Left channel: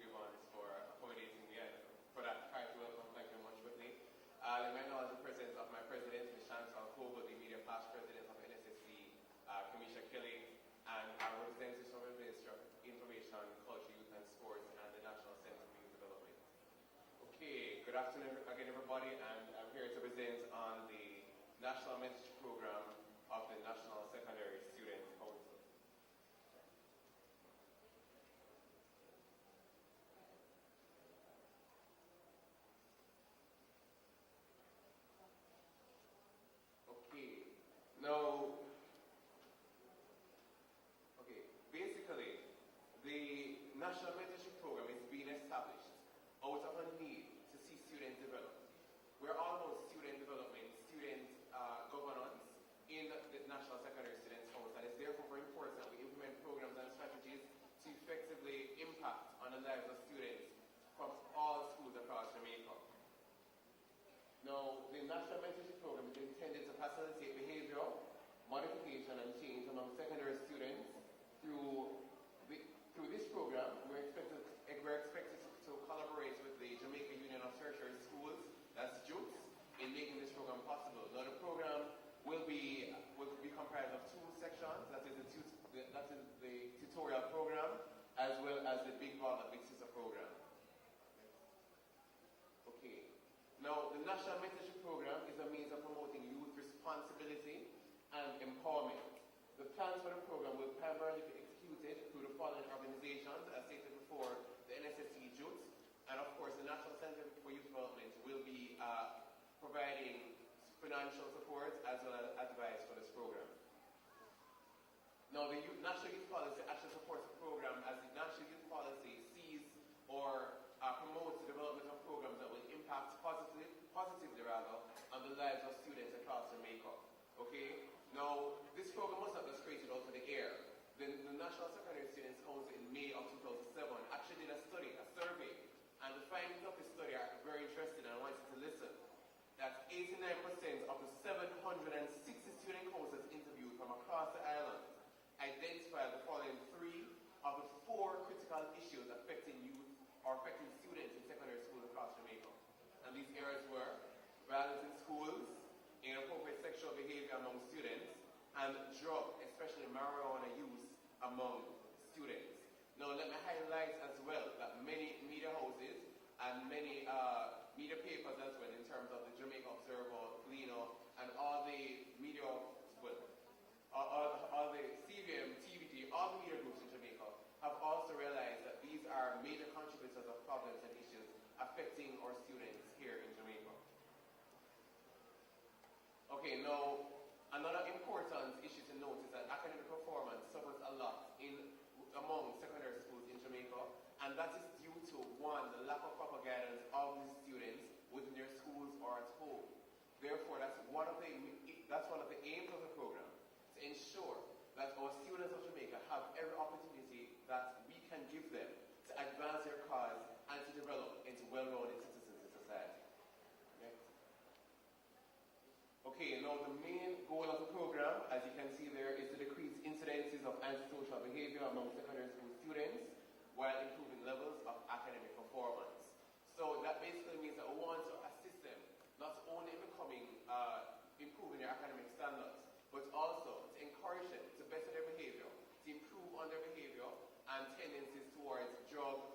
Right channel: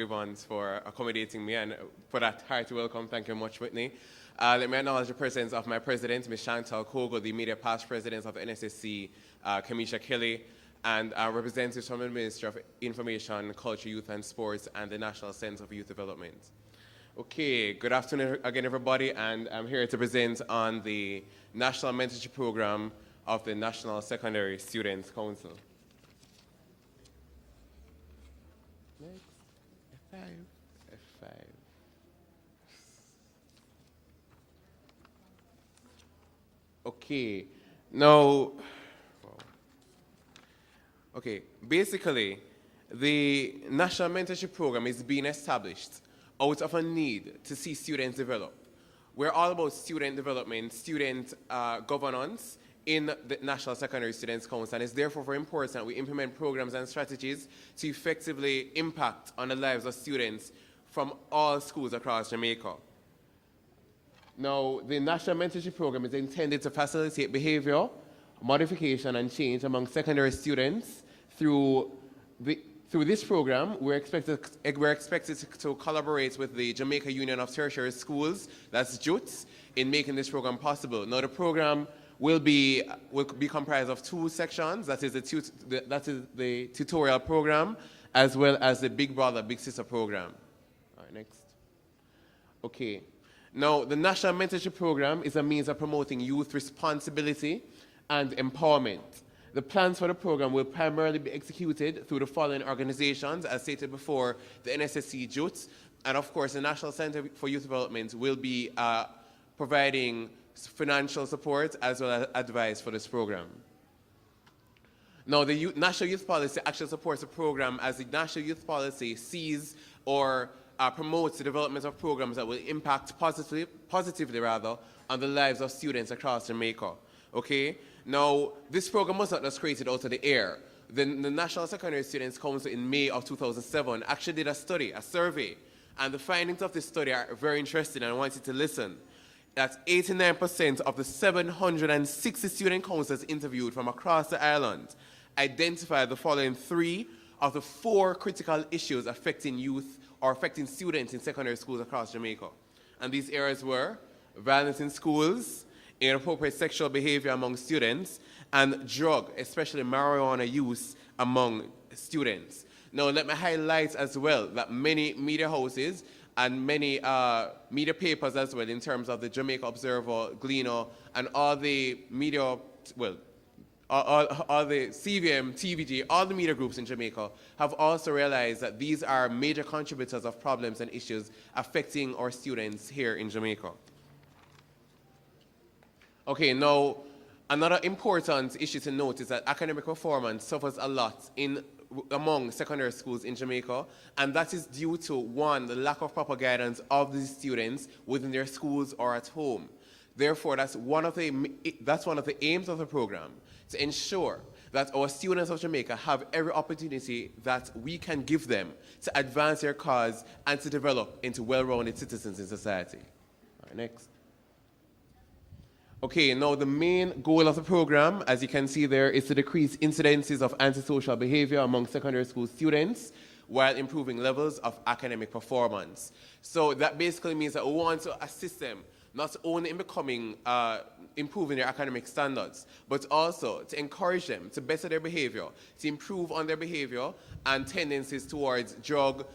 Evans for accommodating me and for that hearty welcome. Thank you very much, Whitney. Let me acknowledge the presence of my president, Ms. Chantal Kogo, the immediate past president of the NSSC, Kamisha Kelly, and representatives from the Ministry of Information, Culture, Youth and Sports, and the National Center for Youth Development. Okay, good afternoon again, everybody, and I'm here to present on the National Mentorship Program of the National Secondary Students Council. F5. Okay, now, basically, the National Mentorship Program is being established out of a need to see students develop. We're all about student development, student governance in the National Secondary Students Council, and it's therefore very important that we implement programs and strategies to effectively impact on the lives of students from all schools across Jamaica. Now, the National Mentorship Program is intended to facilitate behavior, modification, and change among secondary students. Through this program, we're expected to collaborate with the Jamaica Union of Tertiary Schools, that's JUTS, in making this program possible. Now, the program will be comprised of two sections. That is the tutorial program, as well as the Big Brother, Big Sister program. All right, next. Okay. Now, the National Mentorship Program is a means of promoting youth responsibility and empowerment. The plans for the program will primarily be executed through the following organizations, as stated before: the NSSC JUTS, and of course the National Center for Youth Development will be providing financial support as well as advice for this program. Now, the National Youth Policy actually supports the program, as the National Youth Policy sees or promotes the development of programs that will impact positively on the lives of students across Jamaica. Okay? Now, this program was not just created out of the air. The National Secondary Students Council in May of 2007 actually did a survey, and the findings of this study are very interesting, and I want you to listen. That 89% of the 760 student councils interviewed from across the island identified the following 3 of the 4 critical issues affecting youth or affecting students in secondary schools across Jamaica. And these areas were violence in schools, inappropriate sexual behavior among students, and drug, especially marijuana use among students. Now, let me highlight as well that many media houses and many media papers as well, in terms of the Jamaica Observer, Gleaner, and all the media, all the CVM, TVG, all the media groups in Jamaica have also realized that these are major contributors of problems and issues affecting our students here in Jamaica. Okay, now, another important issue to note is that academic performance suffers a lot among secondary schools in Jamaica, and that is due to, 1, the lack of proper guidance of these students within their schools or at home. Therefore, that's one of the aims of the program, to ensure that our students of Jamaica have every opportunity that we can give them to advance their cause and to develop into well-rounded citizens in society. All right, next. Okay, now the main goal of the program, as you can see there, is to decrease incidences of antisocial behavior among secondary school students while improving levels of academic performance. So that basically means that we want to assist them not only in improving their academic standards, but also to encourage them to better their behavior, to improve on their behavior and tendencies towards drug,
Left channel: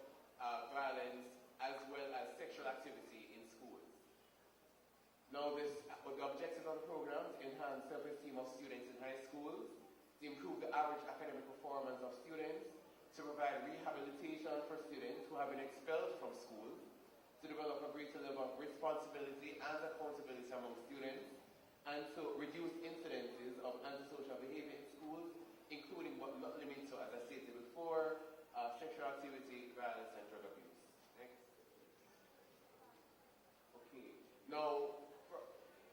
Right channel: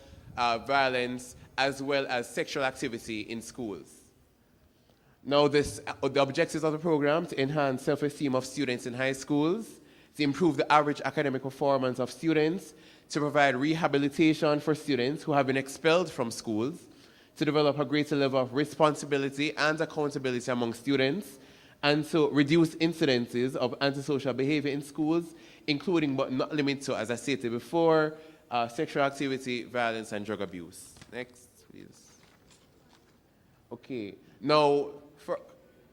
violence, as well as sexual activity in schools. Now, the objectives of the program: to enhance self-esteem of students in high schools, to improve the average academic performance of students, to provide rehabilitation for students who have been expelled from schools, to develop a greater level of responsibility and accountability among students, and to reduce incidences of antisocial behavior in schools, including but not limited to, as I stated before, sexual activity, violence, and drug abuse. Next, please. Okay, now,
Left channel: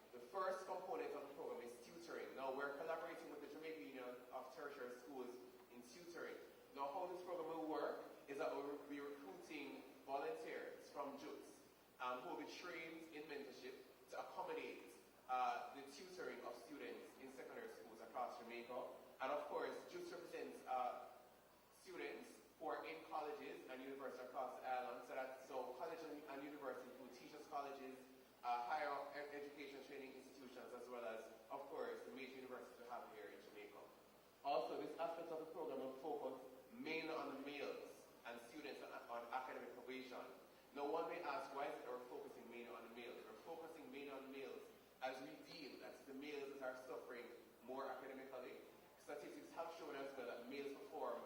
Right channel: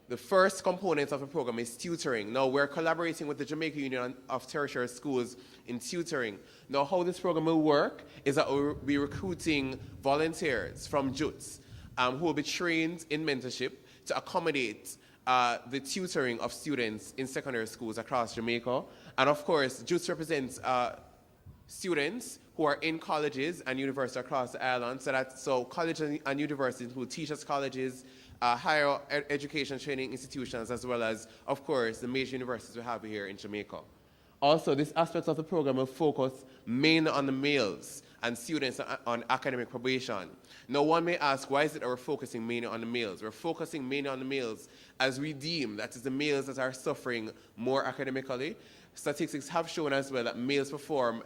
the first component of the program is tutoring. Now, we're collaborating with the Jamaica Union of Tertiary Schools in tutoring. Now, how this program will work is that we'll be recruiting volunteers from JUTS who will be trained in mentorship to accommodate the tutoring of students in secondary schools across Jamaica. And of course, JUTS represents students who are in colleges and universities across the island. So colleges and universities include teachers' colleges, higher education training institutions, as well as, of course, the major universities we have here in Jamaica. Also, this aspect of the program will focus mainly on the males and students on academic probation. Now, one may ask, why is it that we're focusing mainly on the males? We're focusing mainly on the males as we deem that is the males that are suffering more academically. Statistics have shown as well that males perform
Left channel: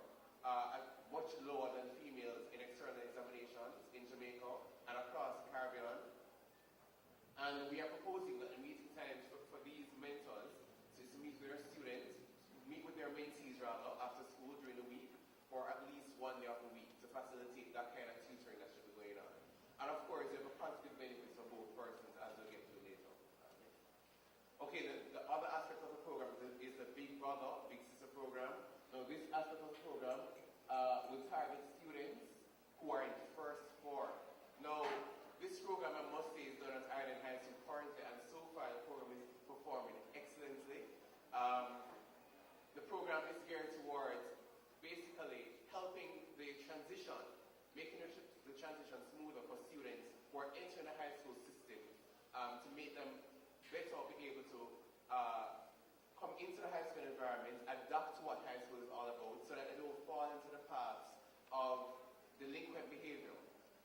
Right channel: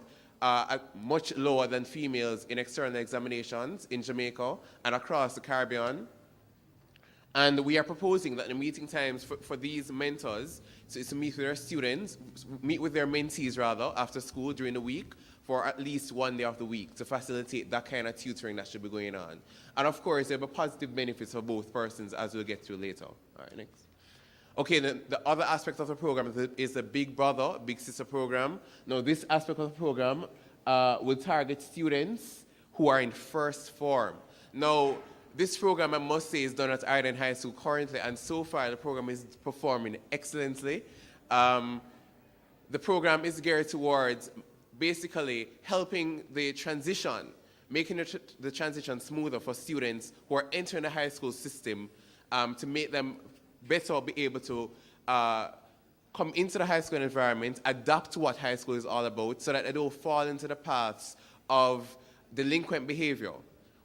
much lower than females in external examinations in Jamaica and across the Caribbean. And we are proposing that the meeting times for these mentors is to meet with their students, meet with their mentees rather, after school during the week for at least one day of the week to facilitate that kind of tutoring that should be going on. And of course, there will be positive benefits for both persons, as we'll get to later. All right, next. Okay, the other aspect of the program is the Big Brother, Big Sister program. Now, this aspect of the program will target students who are in first form. Now, this program, I must say, is done at Ireland High School currently, and so far the program is performing excellently. The program is geared towards basically helping the transition, making the transition smoother for students who are entering the high school system to make them better be able to come into the high school environment, adapt to what high school is all about, so that they don't fall into the paths of delinquent behavior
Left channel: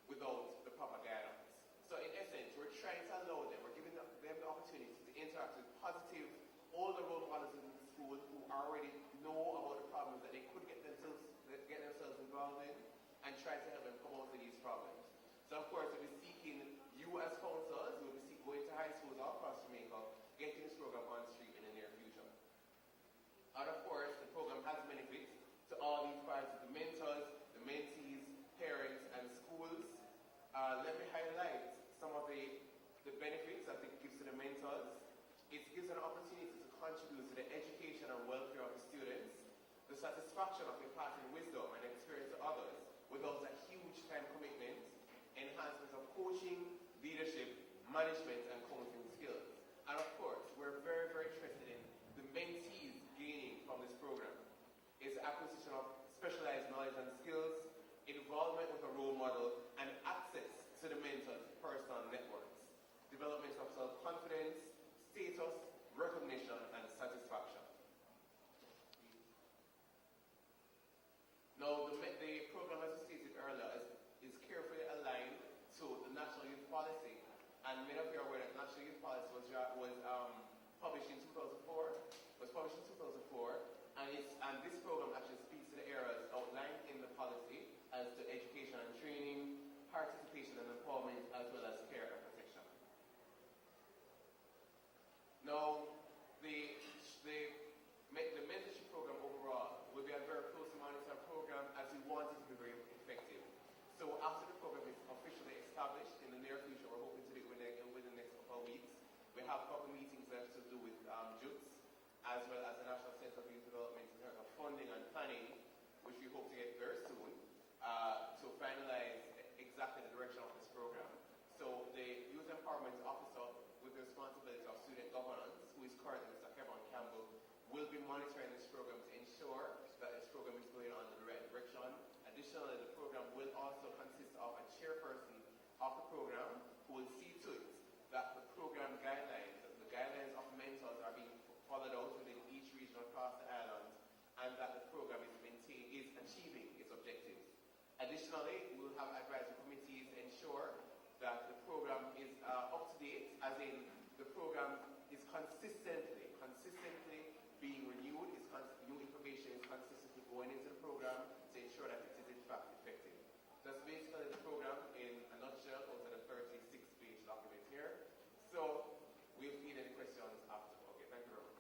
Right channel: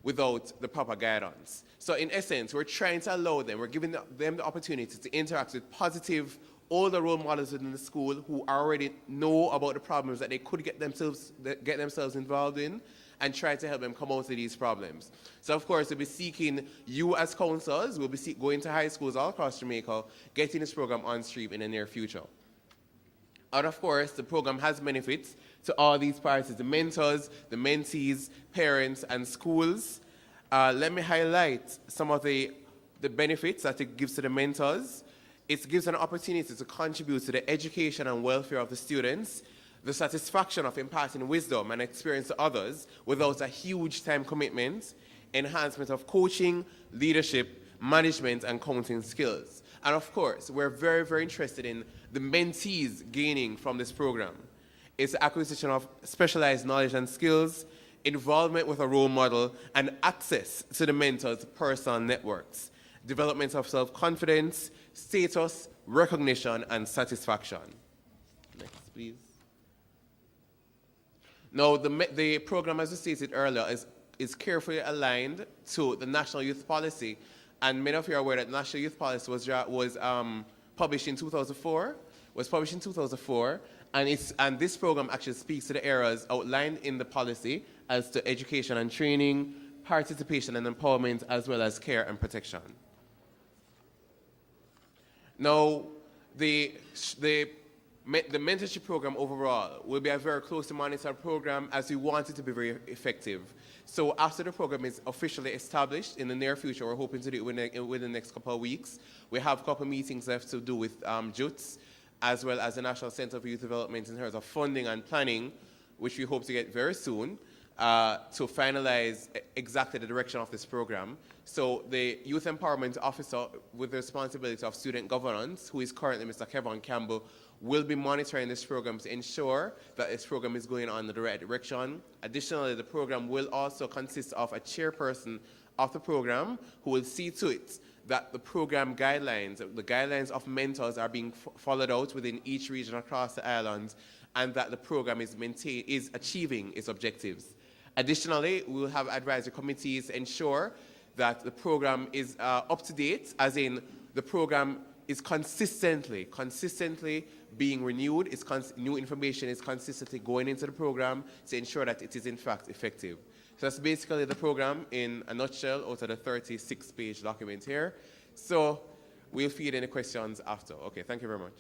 without the proper guidance. So in essence, we're trying to allow them, we're giving them the opportunity to interact with positive, older role models within the school who already know about the problems that they could get themselves involved in, and try to help them come out of these problems. So of course, we'll be seeking you as counselors, we'll be going to high schools all across Jamaica, getting this program on stream in the near future. And of course, the program has benefits to all these parties, the mentors, the mentees, parents, and schools. Let me highlight some of the benefits that it gives to the mentors. It gives an opportunity to contribute to the education and welfare of the students, the satisfaction of imparting wisdom and experience to others without a huge time commitment, enhancement of coaching, leadership, management, and counseling skills. And of course, we're very, very interested in the mentees gaining from this program. It's the acquisition of specialized knowledge and skills, involvement with a role model, and access to the mentor's personal networks, development of self-confidence, status, recognition, and satisfaction. Next, please. Now, the program, as we stated earlier, is carefully aligned to the National Youth Policy, and many of you are aware that the National Youth Policy was published in 2004. And this program actually speaks to the areas outlined in the policy as to education and training, participation and empowerment, as well as care and protection. Now, the mentorship program overall will be a very closely monitored program, as we want it to be very effective. So after the program is officially established in the near future, we're hoping to do it within the next couple of weeks. We have a couple of meetings left to do with JUTS, as well as the National Center for Youth Development in terms of funding and planning, which we hope to get very soon, to finalize exactly the direction of this program. So the Youth Empowerment Officer with the responsibility of student governance, who is currently Mr. Kevin Campbell, will be monitoring this program to ensure that this program is going on in the right direction. Additionally, the program will also consist of a chairperson of the program who will see to it that the program guidelines, the guidelines of mentors are being followed out within each region across the island, and that the program is achieving its objectives. Additionally, we will have advisory committees ensure that the program is up to date, as in the program is consistently being renewed, new information is consistently going into the program to ensure that it is in fact effective. So that's basically the program in a nutshell out of the 36-page document here. So we'll feed any questions after. Okay, thank you very much.